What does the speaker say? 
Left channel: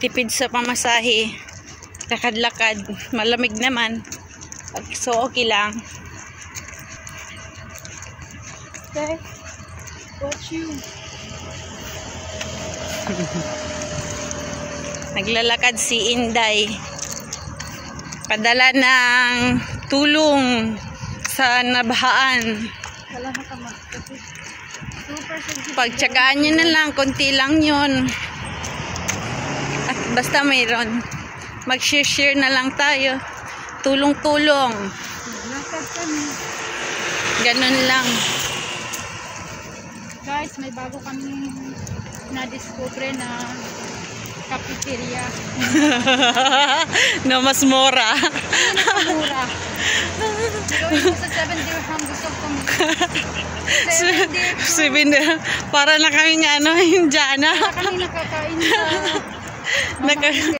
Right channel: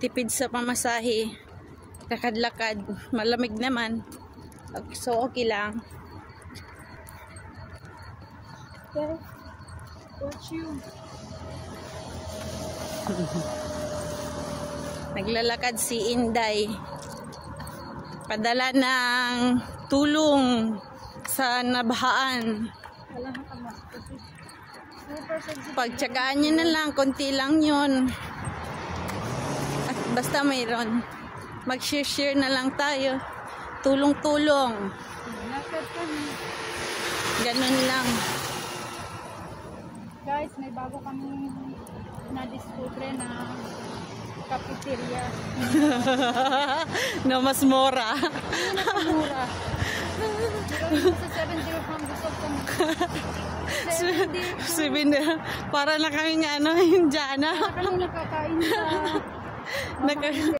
tipid sa pamasahe, lakad-lakad, malamig naman, so okay lang. Okay, watch you. Naglalakad si Inday, padala ng tulong sa nabahaan. Wala na tama. Super sensitive. Pagtsagaan nyo na lang, konti lang yun. At basta mayroon, mag-share na lang tayo. Tulong-tulong. Lakad kami. Ganun lang. Guys, may bago kami na-discover na cafeteria. Na mas mura. Mura. Gawin mo sa 7 dirham, gusto ko kami. 7 dirham. Para na kami nga ano, yung Jana. Para kami nakakain sa